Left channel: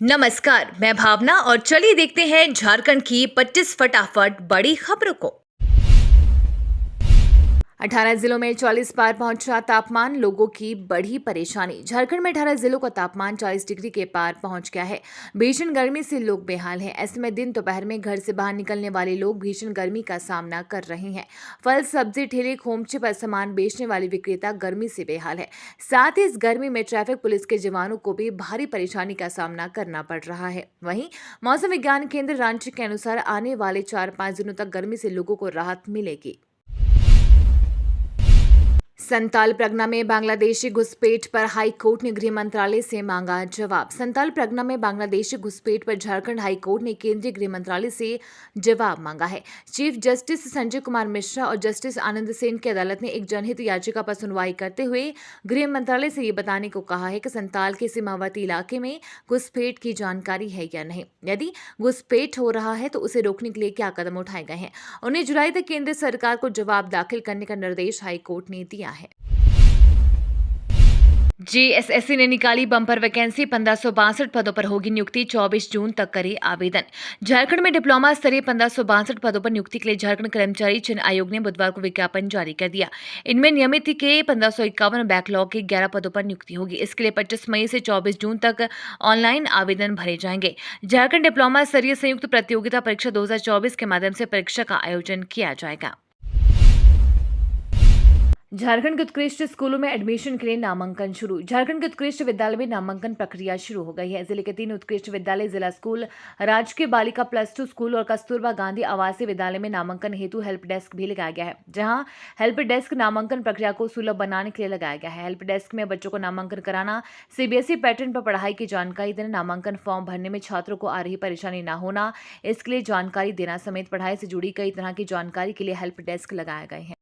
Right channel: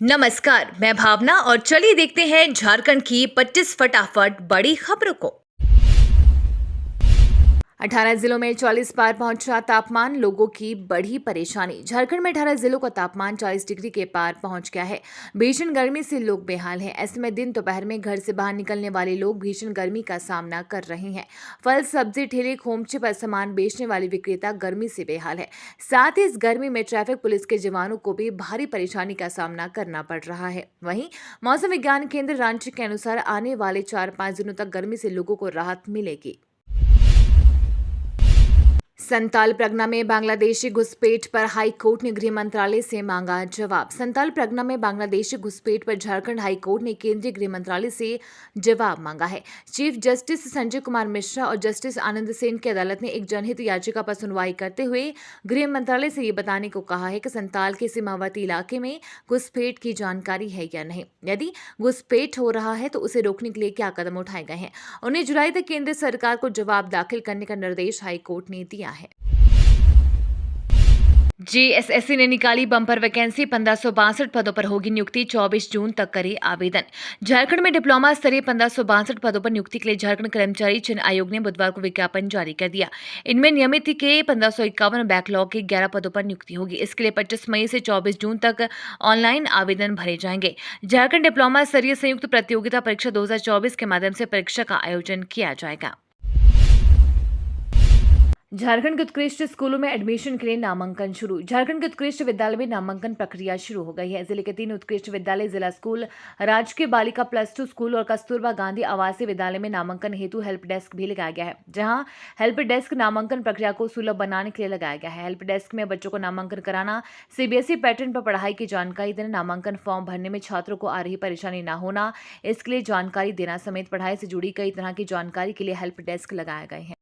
नमस्कार, मैं भावना और चलिए देखते हैं झारखंड की 25 फटाफट बड़ी खबरों को। 18 जिलों में 40 पार पहुंचा तापमान, लोगों की बढ़ी परेशानी। झारखंड में 18 जिलों का तापमान 40 डिग्री के पार पहुंच गया है। भीषण गर्मी से लोग बेहाल हैं। ऐसे में दिन दोपहर में घर से बाहर निकलने वाले लोग भीषण गर्मी का सामना कर रहे हैं। फल, सब्जी ठेले, खोमचे पर सामान बेचने वाले विक्रेता गर्मी से बेहाल है। साथ ही इस गर्मी में ट्रैफिक पुलिस के जवानों को भी भारी परेशानी का सामना करना पड़ रहा है। वहीं मौसम विज्ञान केंद्र रांची के अनुसार आने वाले 4-5 दिनों तक गर्मी से लोगों को राहत मिलेगी। संताल परगना में बांग्लादेशी घुसपैठ पर हाई कोर्ट ने गृह मंत्रालय से मांगा जवाब। संताल परगना में बांग्लादेशी घुसपैठ पर झारखंड हाई कोर्ट ने केंद्रीय गृह मंत्रालय से जवाब मांगा है। चीफ जस्टिस संजय कुमार मिश्रा और जस्टिस आनंद सेन की अदालत ने एक जनहित याचिका पर सुनवाई करते हुए गृह मंत्रालय से ये बताने को कहा है कि संताल के सीमावर्ती इलाके में घुसपैठ की जानकारी है या नहीं। यदि घुसपैठ हो रहा है तो उसे रोकने के लिए क्या कदम उठाए गए हैं। 19 जुलाई तक केंद्र सरकार को जवाब दाखिल करने का निर्देश हाईकोर्ट ने दिया है। जेएसएससी ने निकाली बम्पर वैकेंसी, 1562 पदों पर होगी नियुक्ति, 24 जून तक करे आवेदन। झारखंड में डिप्लोमा स्तरीय 1562 पदों पर नियुक्ति के लिए झारखंड कर्मचारी चयन आयोग ने बुधवार को विज्ञापन जारी कर दिया। इनमें नियमित के 1551 बैकलॉग के 11 पदों पर नियुक्ति होगी। इसके लिए 25 मई से 24 जून तक ऑनलाइन आवेदन भरे जाएंगे। झारखंड डिप्लोमा स्तरीय संयुक्त प्रतियोगिता परीक्षा 2024 के माध्यम से परीक्षा का आयोजन किया जाएगा। झारखंड के उत्कृष्ट स्कूलों में एडमिशन के लिए नामांकन शुरू। झारखंड के उत्कृष्ट विद्यालय में नामांकन प्रक्रिया शुरू हो गई है। जिले के 3 उत्कृष्ट विद्यालय, जिला स्कूल, राजकीय बालिका +2 स्कूल और कस्तूरबा गांधी आवासीय विद्यालय में नामांकन हेतु हेल्प डेस्क भी लगाया गया है, जहां हेल्प डेस्क नामांकन प्रक्रिया को सुलभ बनाने के लिए लगाया गया है। हेल्प डेस्क में बच्चों को नामांकन कराना, सीबीएसई पैटर्न पर पढ़ाई की जानकारी देना, नामांकन फॉर्म भरने में छात्रों को आ रही परेशानी न होना, इसके लिए जानकारी देना समेत पढ़ाई से जुड़ी कई तरह की जानकारी के लिए हेल्प डेस्क लगाए गए हैं।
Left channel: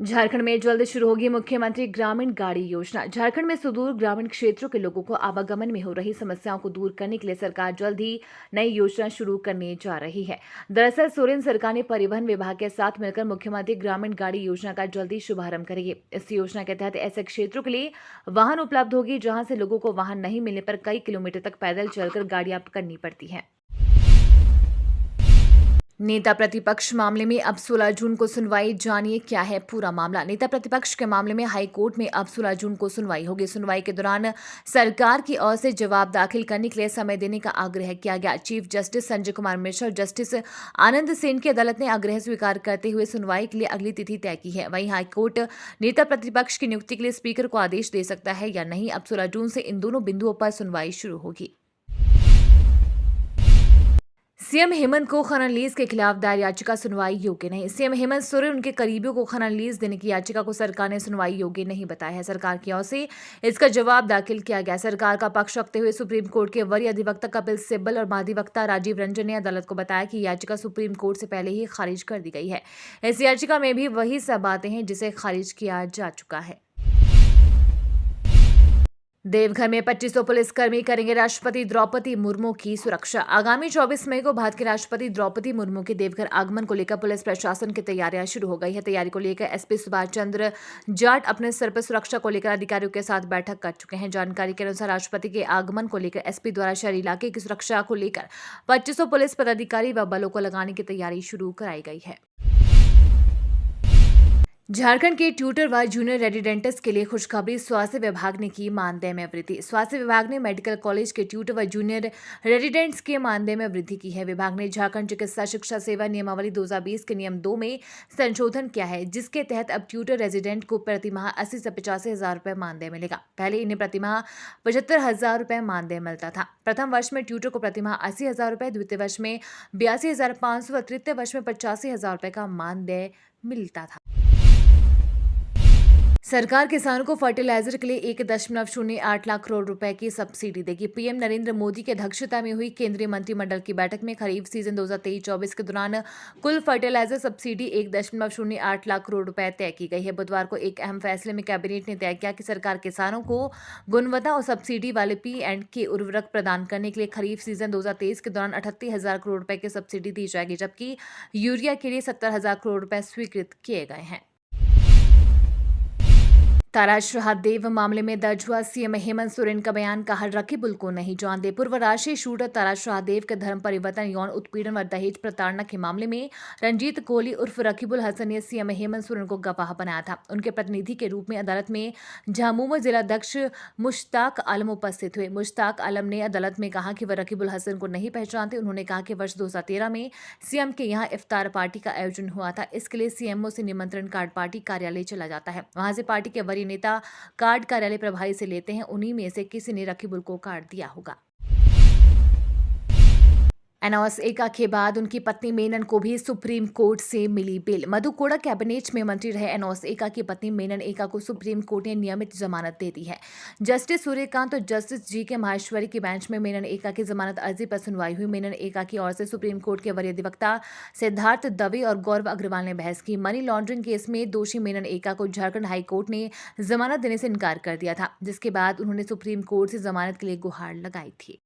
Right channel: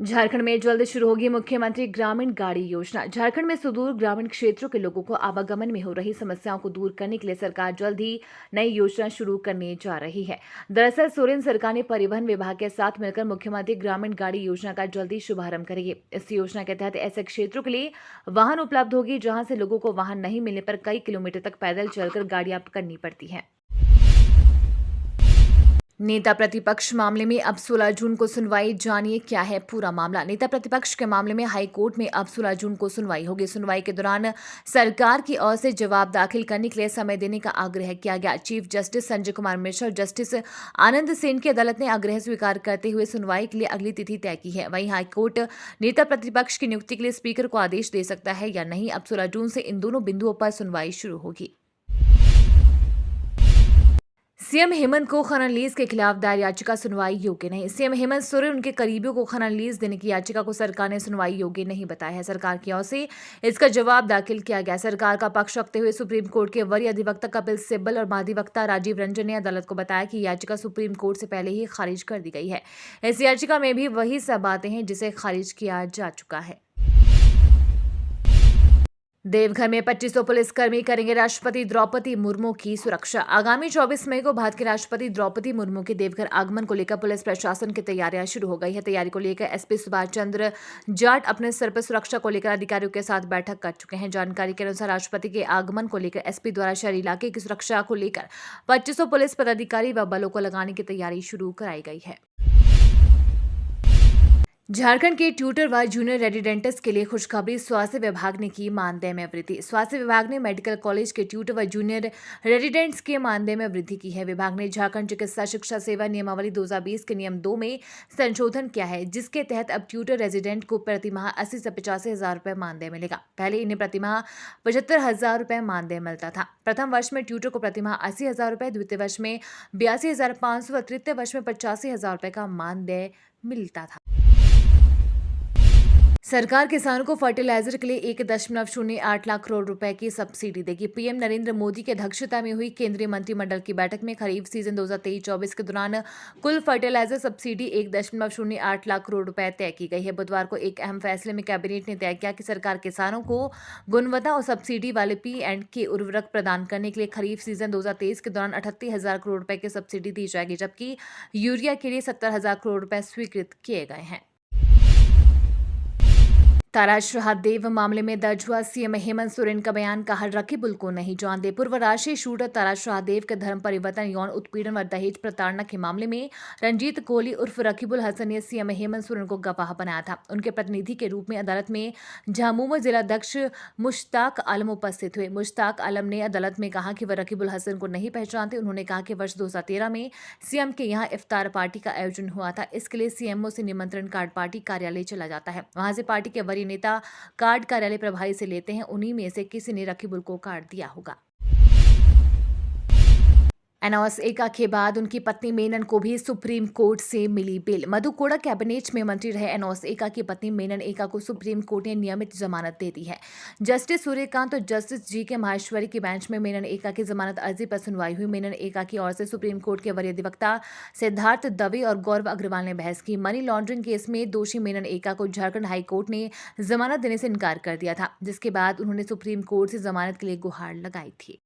झारखंड में जल्द शुरू होगी मुख्यमंत्री ग्रामीण गाड़ी योजना। झारखंड में सुदूर ग्रामीण क्षेत्रों के लोगों को आवागमन में हो रही समस्याओं को दूर करने के लिए सरकार जल्द ही नई योजना शुरू करने जा रही है। दरअसल सोरेन सरकार ने परिवहन विभाग के साथ मिलकर मुख्यमंत्री ग्रामीण गाड़ी योजना का जल्द ही शुभारंभ करेगी। इस योजना के तहत ऐसे क्षेत्रों के लिए वाहन उपलब्ध होगी जहां से लोगों को वाहन नहीं मिलने पर कई किलोमीटर तक पैदल चलकर गाड़ियां करनी पड़ती है। नेता प्रतिपक्ष मामले में अब 16 जून को सुनवाई, जानिए क्या है पूरा मामला। नेता प्रतिपक्ष के मामले में हाई कोर्ट में अब 16 जून को सुनवाई होगी। सुनवाई के दौरान सरकार की ओर से जवाब दाखिल करने के लिए समय देने का आग्रह किया गया। चीफ जस्टिस संजय कुमार मिश्रा और जस्टिस आनंद सेन की अदालत ने आग्रह स्वीकार करते हुए सुनवाई के लिए अगली तिथि तय की है। वहीं हाईकोर्ट नेता प्रतिपक्ष की नियुक्ति के लिए स्पीकर को आदेश दे सकता है या नहीं। अब 16 जून से इन दोनों बिंदुओं पर सुनवाई शुरू होगी। सीएम हेमंत को खनन लीज के खिलाफ दायर याचिका सुनवाई योग्य नहीं। सीएम हेमंत सोरेन उनके करीबियों को खनन लीज देने की याचिका को सरकार ने सुनवाई योग्य नहीं बताया है। सरकार की ओर से इसका जवाब दाखिल किया गया। सरकार का पक्ष रखते हुए सुप्रीम कोर्ट के वरीय अधिवक्ता कपिल सिब्बल और महाधिवक्ता राजीव रंजन ने अदालत को बताया कि याचिका सुप्रीम कोर्ट से पहले ही खारिज कर दी गई है। इस याचिका में भी वही सब बातें हैं जिसे खारिज किया जा चुका है। देवघर में 2500 पुलिसकर्मी करेंगे राष्ट्रपति द्रौपदी मुर्मू की सुरक्षा। आगामी 24 मई को भारत के राष्ट्रपति द्रौपदी मुर्मू के देवघर आगमन को लेकर पुलिस प्रशासन की तैयारियां शुरू हो गई है। तैयारी को लेकर एसपी सुभाष चंद्र जाट अपने स्तर पर सुरक्षा को लेकर अधिकारियों के साथ बैठक कर चुके हैं। जानकारी के अनुसार राष्ट्रपति के आगमन को लेकर एसपी द्वारा शहरी इलाके की सुरक्षा को लेकर 2500 पुलिस पदाधिकारी व बलों को लगाने की तैयारी शुरू कराई गई है। झारखंड के ट्यूटर व जूनियर रेजिडेंट्स के लिए खुशखबरी, स्वास्थ्य विभाग ने की मानदेय में वृद्धि। स्वास्थ्य विभाग ने मेडिकल कॉलेज के ट्यूटर व जूनियर रेजिडेंट्स के मानदेय में वृद्धि की है। विभाग ने झारखंड चिकित्सा शिक्षा सेवा नियमावली 2020 के नियम 2 में संशोधन किया है, जिसके तहत अब ट्यूटर रेजिडेंट को प्रतिमाह 80 से 85 हजार रुपए मानदेय मिलेगा। पहले इन्हें प्रतिमाह 75 हजार रुपए मानदेय मिलता था। प्रथम वर्ष में ट्यूटर को प्रतिमाह 80 हजार रुपए, द्वितीय वर्ष में 82,500 व तृतीय वर्ष में 85,000 रुपए का मानदेय मिलता था। सरकार किसानों को फर्टिलाइजर के लिए 1.08 लाख करोड़ रुपए की सब्सिडी देगी। पीएम नरेंद्र मोदी की अध्यक्षता में हुई केंद्रीय मंत्रिमंडल की बैठक में खरीफ सीजन 2023-24 के दौरान कुल फर्टिलाइजर सब्सिडी 1.08 लाख करोड़ रुपए तय की गई है। बुधवार को एक अहम फैसले में कैबिनेट ने तय किया कि सरकार किसानों को गुणवत्ता और सब्सिडी वाले P&K उर्वरक प्रदान करने के लिए खरीफ सीजन 2023 के दौरान 38,000 करोड़ रुपए की सब्सिडी दी जाएगी, जबकि यूरिया के लिए 70,000 करोड़ रुपए स्वीकृत किए गए हैं। तारा शहादेव मामले में दर्ज हुआ सीएम हेमंत सोरेन का बयान, कहा रकीबुल को नहीं जानते। पूर्व राष्ट्रीय शूटर तारा शहादेव के धर्म परिवर्तन, यौन उत्पीड़न व दहेज प्रताड़ना के मामले में रंजीत कोहली उर्फ रकीबुल हसन ने सीएम हेमंत सोरेन को गवाह बनाया था। उनके प्रतिनिधि के रूप में अदालत में झामुमो जिलाध्यक्ष मुश्ताक आलम उपस्थित हुए। मुश्ताक आलम ने अदालत में कहा कि वह रकीबुल हसन को नहीं पहचानते। उन्होंने कहा कि वर्ष 2013 में सीएम के यहाँ इफ्तार पार्टी का आयोजन हुआ था। इसके लिए सीएमओ से निमंत्रण कार्ड पार्टी कार्यालय चला जाता है। वहां से पार्टी के वरीय नेता कार्ड कार्यालय प्रभारी से लेते हैं। उन्हीं में से किसी ने रकीबुल को कार्ड दिया होगा। एनोस एक्का के बाद उनकी पत्नी मेनन को भी सुप्रीम कोर्ट से मिली बेल। मधु कोड़ा कैबिनेट में मंत्री रहे एनोस एक्का की पत्नी मेनन एक्का को सुप्रीम कोर्ट ने नियमित जमानत दे दी है। जस्टिस सूर्यकांत और जस्टिस जी के माहेश्वरी की बेंच में मेनन एक्का की जमानत अर्जी पर सुनवाई हुई। मेनन एक्का की ओर से सुप्रीम कोर्ट के वरीय अधिवक्ता सिद्धार्थ दवे और गौरव अग्रवाल ने बहस की। मनी लॉन्ड्रिंग केस में दोषी मेनन एक्का को झारखंड हाईकोर्ट ने जमानत देने से इनकार कर दिया था, जिसके बाद उन्होंने सुप्रीम कोर्ट से जमानत के लिए गुहार लगाई थी।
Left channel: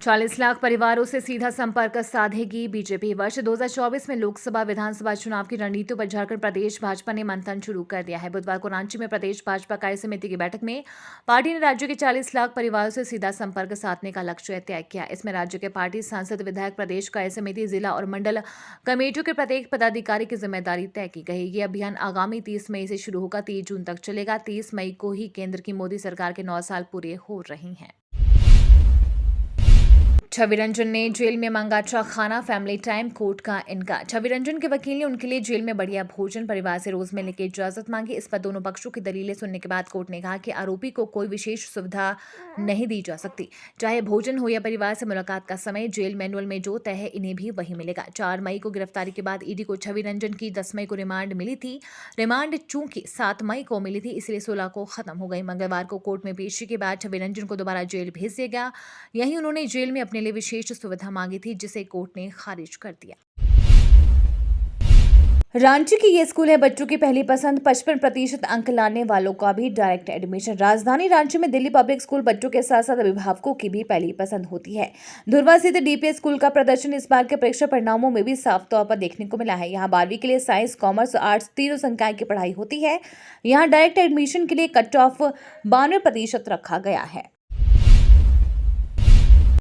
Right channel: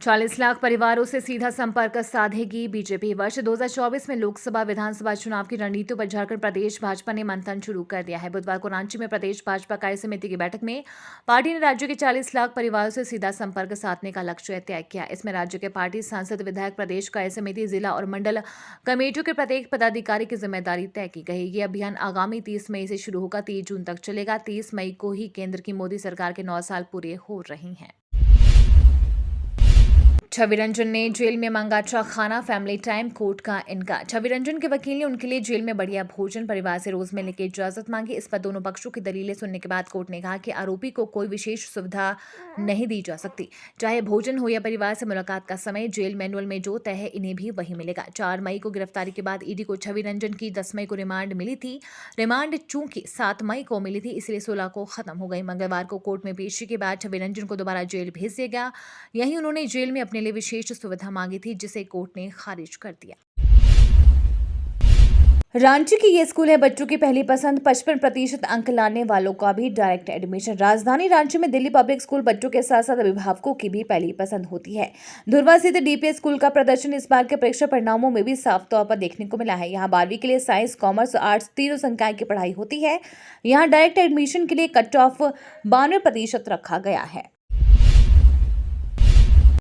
40 लाख परिवारों से सीधा संपर्क साधेगी बीजेपी। वर्ष 2024 में लोकसभा विधानसभा चुनाव की रणनीतियों पर झारखंड प्रदेश भाजपा ने मंथन शुरू कर दिया है। बुधवार को रांची में प्रदेश भाजपा कार्य समिति की बैठक में पार्टी ने राज्य के 40 लाख परिवारों से सीधा संपर्क साधने का लक्ष्य तय किया। इसमें राज्य के पार्टी सांसद, विधायक, प्रदेश कार्य समिति, जिला और मंडल कमेटियों के प्रत्येक पदाधिकारी की जिम्मेदारी तय की गई। ये अभियान आगामी 30 मई से शुरू होगा, 30 जून तक चलेगा। 30 मई को ही केंद्र की मोदी सरकार के 9 साल पूरे हो रहे हैं। छवि रंजन ने जेल में मांगा अच्छा खाना, फैमिली टाइम, कोर्ट का इनकार। छवि रंजन के वकील ने उनके लिए जेल में बढ़िया भोजन, परिवार से रोज मिलने की इजाजत मांगी। इस पर दोनों पक्षों की दलीलें सुनने के बाद कोर्ट ने कहा कि आरोपी को कोई विशेष सुविधा नहीं दी जा सकती, चाहे भोजन हो या परिवार से मुलाकात का समय। जेल मैनुअल में जो तय है इन्हें भी वही मिलेगा। 4 मई को गिरफ्तारी के बाद ईडी को छवि रंजन की 10 मई को रिमांड मिली थी। रिमांड चूंकि 7 मई को मिली थी, इसलिए 16 को खत्म हो गई। मंगलवार को कोर्ट में पेशी के बाद छवि रंजन को दोबारा जेल भेज दिया गया। यहीं उन्होंने जेल में अपने लिए विशेष सुविधा मांगी थी, जिसे कोर्ट ने खारिज कर दिया। रांची की ये स्कूल है बच्चों की पहली पसंद। 55% अंक लाने वालों का भी डायरेक्ट एडमिशन। राजधानी रांची में दिल्ली पब्लिक स्कूल बच्चों के साथ साथ अभिभावकों की भी पहली पसंद होती है। धुर्वा स्थित डीपीएस स्कूल का प्रदर्शन इस बार के परीक्षा परिणामों में भी साफ तौर पर देखने को मिला है। यहाँ 12वीं के लिए साइंस, कॉमर्स और आर्ट्स तीनों संकाय की पढ़ाई होती है। यहाँ डायरेक्ट एडमिशन के लिए कट ऑफ 92% रखा गया है।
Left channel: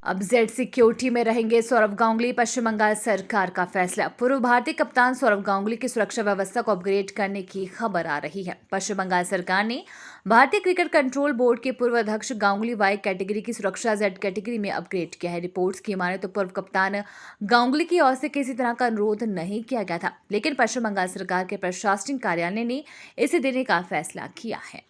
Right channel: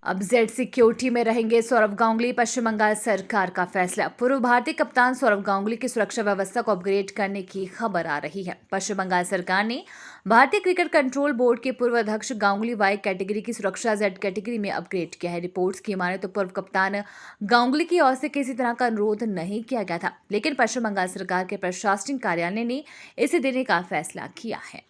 अब जेड सिक्योरिटी में रहेंगे सौरव गांगुली। पश्चिम बंगाल सरकार का फैसला। पूर्व भारतीय कप्तान सौरव गांगुली की सुरक्षा व्यवस्था को अपग्रेड करने की खबर आ रही है। पश्चिम बंगाल सरकार ने भारतीय क्रिकेट कंट्रोल बोर्ड के पूर्व अध्यक्ष गांगुली वाई कैटेगरी की सुरक्षा जेड कैटेगरी में अपग्रेड किया है। रिपोर्ट्स की माने तो पूर्व कप्तान गांगुली की ओर से किसी तरह का अनुरोध नहीं किया गया था, लेकिन पश्चिम बंगाल सरकार के प्रशासनिक कार्यालय ने इसे देने का फैसला किया है।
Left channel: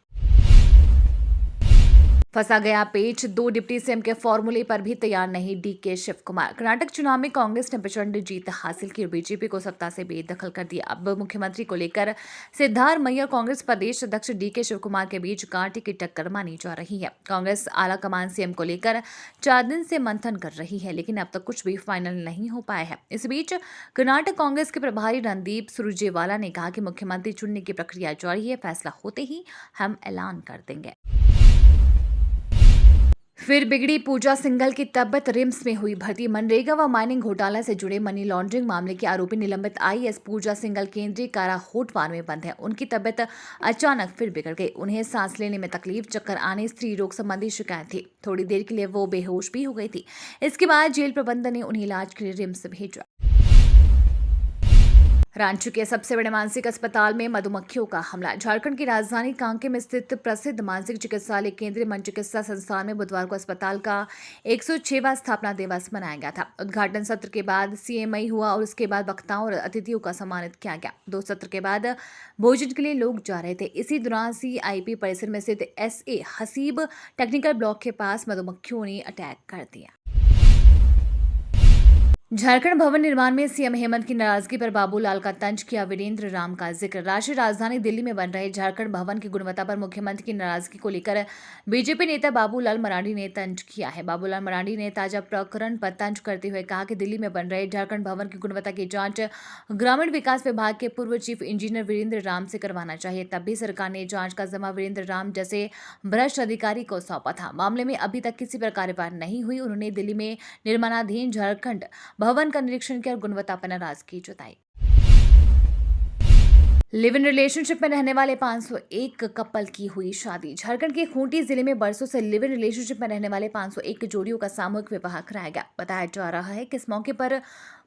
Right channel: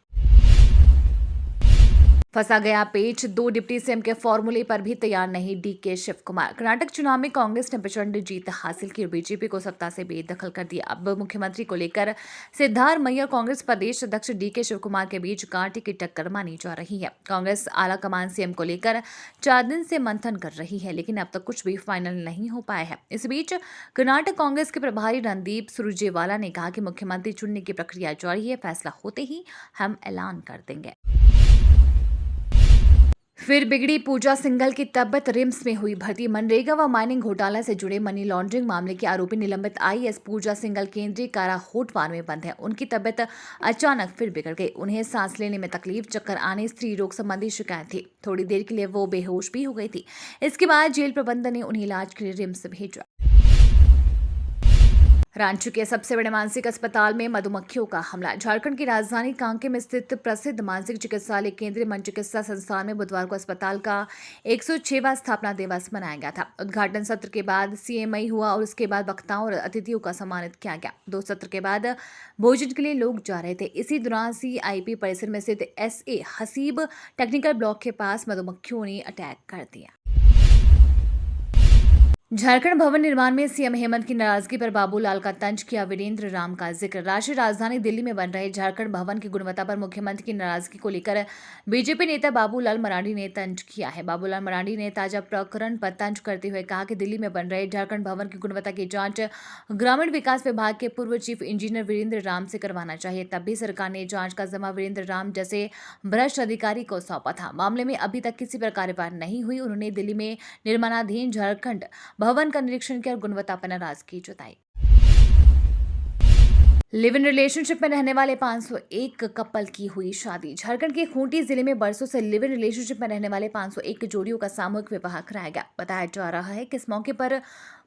फंसा गया पेच। 2 डिप्टी सीएम के फॉर्मूले पर भी तैयार नहीं डीके शिव कुमार। कर्नाटक चुनाव में कांग्रेस ने प्रचंड जीत हासिल की और बीजेपी को सत्ता से बेदखल कर दिया। अब मुख्यमंत्री को लेकर सिद्धारमैया और कांग्रेस प्रदेश अध्यक्ष डीके शिव कुमार के बीच कांटे की टक्कर मानी जा रही है। कांग्रेस आला कमान सीएम को लेकर 4 दिन से मंथन कर रही है, लेकिन अब तक कुछ भी फाइनल नहीं हो पाया है। इस बीच कर्नाटक कांग्रेस के प्रभारी रणदीप सुरजेवाला ने कहा कि मुख्यमंत्री चुनने की प्रक्रिया जारी है, फैसला होते ही हम ऐलान कर देंगे। फिर बिगड़ी पूजा सिंघल की तबीयत। रिम्स में हुई भर्ती। मनरेगा व माइनिंग घोटाला से जुड़े मनी लॉन्ड्रिंग मामले की आरोपी निलंबित आईएएस पूजा सिंघल केंद्रीय कारा होटवार में बंद है। उनकी तबीयत अचानक फिर बिगड़ गई। उन्हें सांस लेने में तकलीफ, चक्कर आने, स्त्री रोग संबंधी शिकायत थी। थोड़ी देर के लिए वो बेहोश भी हो गई थी। इसके बाद जेल प्रबंधन ने उन्हें इलाज के लिए रिम्स भेजा। रांची के सबसे बड़े मानसिक अस्पताल में मधुमक्खियों का हमला। झारखंड की राजधानी कांके में स्थित प्रसिद्ध मानसिक चिकित्सालय केंद्रीय मन चिकित्सा संस्थान में बुधवार को अस्पताल का 106वां स्थापना दिवस मनाया गया था। उद्घाटन सत्र के बाद सीएमआई हुआ और उसके बाद वक्ताओं और अतिथियों का सम्मानित किया गया। 2 सत्र के बाद भोजन के लिए लोग जा रहे थे। इसी दौरान सीआईपी परिसर में स्थित एसए हसीब टेक्निकल ब्लॉक के पास मधुमक्खियों ने अटैक कर दिया। झारखंड भवन निर्माण में सीएम हेमंत की नाराजगी पर बाबूलाल का तंज किया वीरेंद्र राम का जिक्र। राष्ट्रीय राजधानी दिल्ली में बन रहे झारखंड भवन की गुणवत्ता पर मुख्यमंत्री की नाराजगी को लेकर बीजेपी नेता बाबूलाल मरांडी ने तंज किया है। बाबूलाल मरांडी ने ताजा प्रकरण पर तंज करते हुए कहा कि दिल्ली में बन रहे झारखंड भवन की गुणवत्ता की जांच ग्रामीण विकास विभाग के पूर्व चीफ इंजीनियर वीरेंद्र राम से करवाना चाहिए। तब भी सरकार ने जांच का जिम्मा वीरेंद्र राम जैसे भ्रष्ट अधिकारी को सौंपा था। मामले में अभी तक किसी पर कार्यवाही नहीं हुई। उन्होंने दिल्ली में निर्माणाधीन झारखंड भवन का निरीक्षण किया और गुणवत्ता पर नाराजगी जताई। लिव इन रिलेशनशिप में रहने वाले 501 कपल की हुई शादी। झारखंड के खूंटी जिले में बरसों से लिव इन रिलेशनशिप में रहने वाले 501 जोड़ियों का सामूहिक विवाह कराया गया। बताया जा रहा है कि इस मौके पर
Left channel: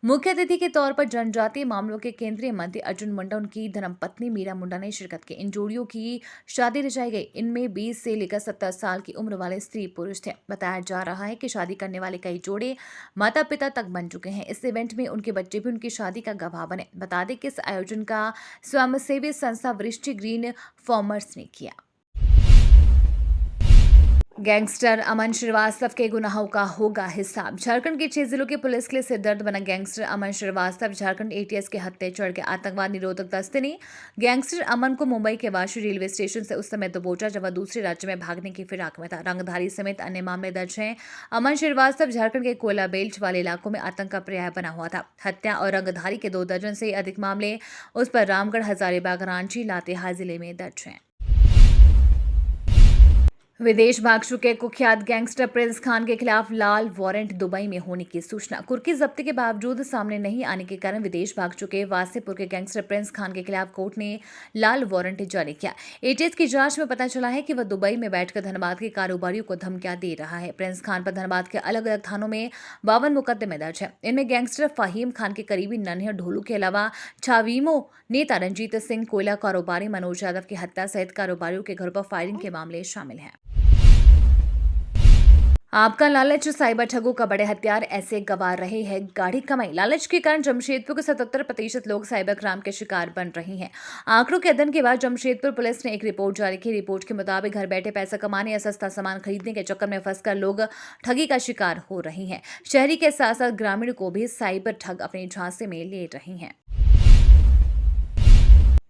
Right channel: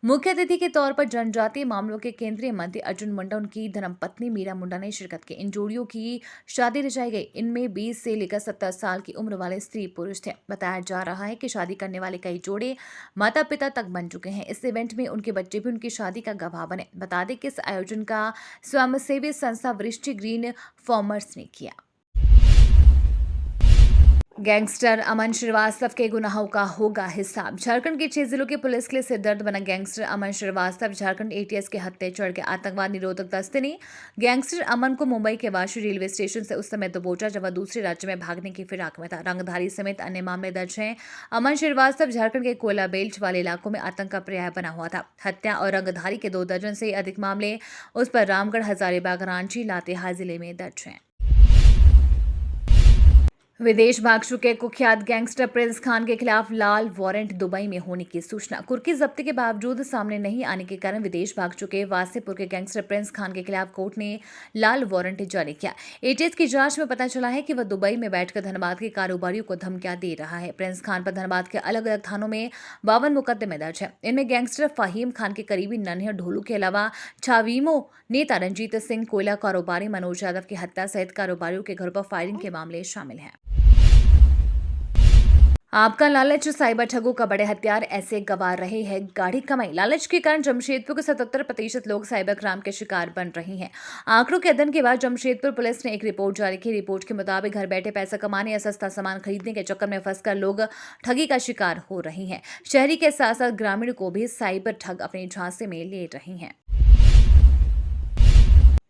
मुख्य अतिथि के तौर पर जनजातीय मामलों के केंद्रीय मंत्री अर्जुन मुंडा, उनकी धर्मपत्नी मीरा मुंडा ने शिरकत की। इन जोड़ियों की शादी रचाई गई। इनमें 20 से लेकर 70 साल की उम्र वाले स्त्री पुरुष थे। बताया जा रहा है कि शादी करने वाले कई जोड़े माता पिता तक बन चुके हैं। इस इवेंट में उनके बच्चे भी उनकी शादी का गवाह बने। बता दें कि इस आयोजन का स्वयंसेवी संस्था वृष्टि ग्रीन फॉर्मर्स ने किया। गैंगस्टर अमन श्रीवास्तव के गुनाहों का होगा हिसाब। झारखंड के 6 जिलों की पुलिस के लिए सिरदर्द बना गैंगस्टर अमन श्रीवास्तव झारखंड एटीएस के हत्थे चढ़ गया। आतंकवाद निरोधक दस्ते ने गैंगस्टर अमन को मुंबई के वाशी रेलवे स्टेशन से उस समय दबोचा जब वह दूसरे राज्य में भागने की फिराक में था। रंगधारी समेत अन्य मामले दर्ज हैं। अमन श्रीवास्तव झारखंड के कोयला बेल्ट वाले इलाकों में आतंक का पर्याय बना हुआ था। हत्या और रंगधारी के 2 दर्जन से अधिक मामले उस पर रामगढ़, हजारीबाग, रांची, लातेहार जिले में दर्ज हैं। विदेश भाग चुके कुख्यात गैंगस्टर प्रिंस खान के खिलाफ लाल वारंट दुबई में होने की सूचना। कुर्की जब्ती के बावजूद सामने नहीं आने के कारण विदेश भाग चुके वासेपुर के गैंगस्टर प्रिंस खान के खिलाफ कोर्ट ने लाल वारंट जारी किया। एटीएस की जांच में पता चला है कि वह दुबई में बैठकर धनबाद के कारोबारियों को धमकियां दे रहा है। प्रिंस खान पर धनबाद के अलग अलग थानों में 52 मुकदमे दर्ज है। इनमें गैंगस्टर फहीम खान के करीबी नन्हे ढोलू के अलावा छावीमो नेता रंजीत सिंह, कोयला कारोबारी मनोज यादव की हत्या सहित कारोबारियों के घर पर फायरिंग के मामले शामिल हैं। आपका लालच साइबर ठगों का बड़े हथियार ऐसे गंवा रहे हैं गाढ़ी कमाई। लालच के कारण जमशेदपुर के 77% लोग साइबर क्राइम के शिकार बन रहे हैं। आंकड़ों के अध्ययन के बाद जमशेदपुर पुलिस ने एक रिपोर्ट जारी की। रिपोर्ट के मुताबिक घर बैठे पैसा कमाने या सस्ता सामान खरीदने के चक्कर में फंसकर लोग ठगी का शिकार हो रहे हैं। शहरी के साथ साथ ग्रामीण को भी साइबर ठग अपने झांसे में ले रहे हैं।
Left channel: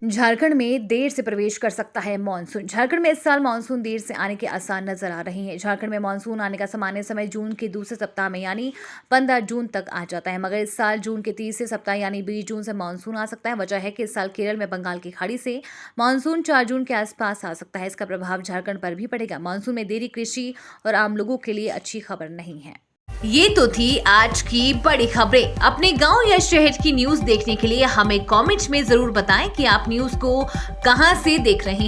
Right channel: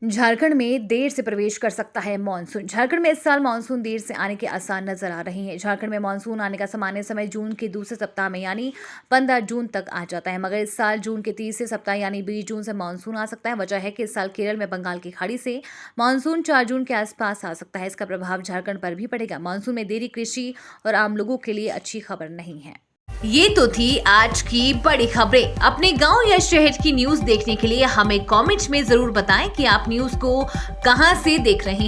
झारखंड में देर से प्रवेश कर सकता है मानसून। झारखंड में इस साल मानसून देर से आने के आसार नजर आ रहे हैं। झारखंड में मानसून आने का सामान्य समय जून के दूसरे सप्ताह में यानी 15 जून तक आ जाता है, मगर इस साल जून के तीसरे सप्ताह यानी 20 जून से मानसून आ सकता है। वजह है कि इस साल केरल में बंगाल की खाड़ी से मानसून 4 जून के आसपास आ सकता है। इसका प्रभाव झारखंड पर भी पड़ेगा। मानसून में देरी कृषि और आम लोगों के लिए अच्छी खबर नहीं है। ये तो थी आज की बड़ी खबरें। अपने गांव या शहर की न्यूज देखने के लिए हमें कमेंट में जरूर बताएं कि आप न्यूज को कहां से देख रहे हैं।